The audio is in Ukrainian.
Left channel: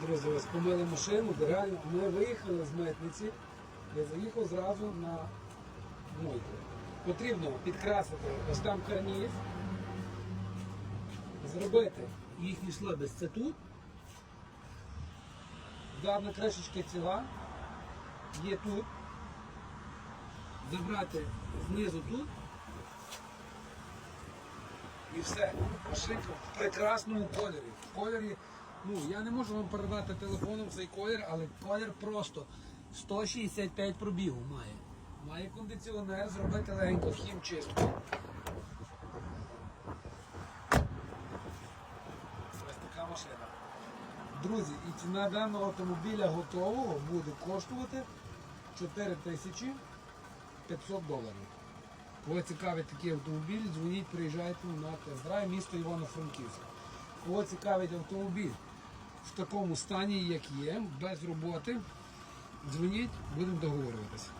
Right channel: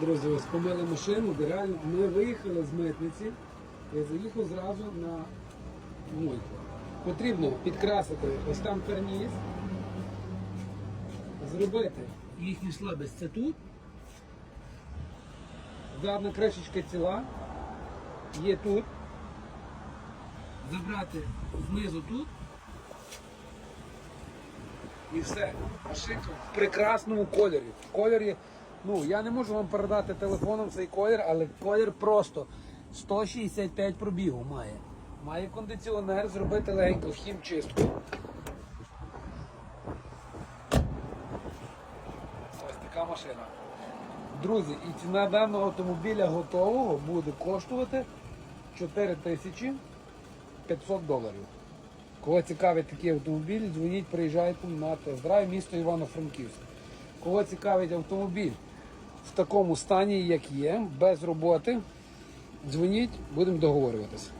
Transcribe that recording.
Друзі, ось помили машину, де реально ми виїхали з митниці. Я заїхав зразу на мийку. Потрібно підкрасити ось там карніз, зробити їхню слабість. Це тут. Задна кришечка ціла. Є тут. Забрати знизу тут. І все. Машинка в прекрасному кольорі. В кольорі, ну я не можу вам передати телефоном цей колір, але колір просто 165 пробігу має. Має кондиціонер, зробити легенько хімчистку. Ось така машина. Друзі, і ціна даного автомобіля готового буде коштувати 4500 доларів. Кого цікавить такий автомобіль, дзвоніть, приїжджайте на тест-драйв, місто Івано-Франківськ. Кого цікавить автомобіль в такому стані, як є, без роботи, дзвоніть, будемо договорюватися.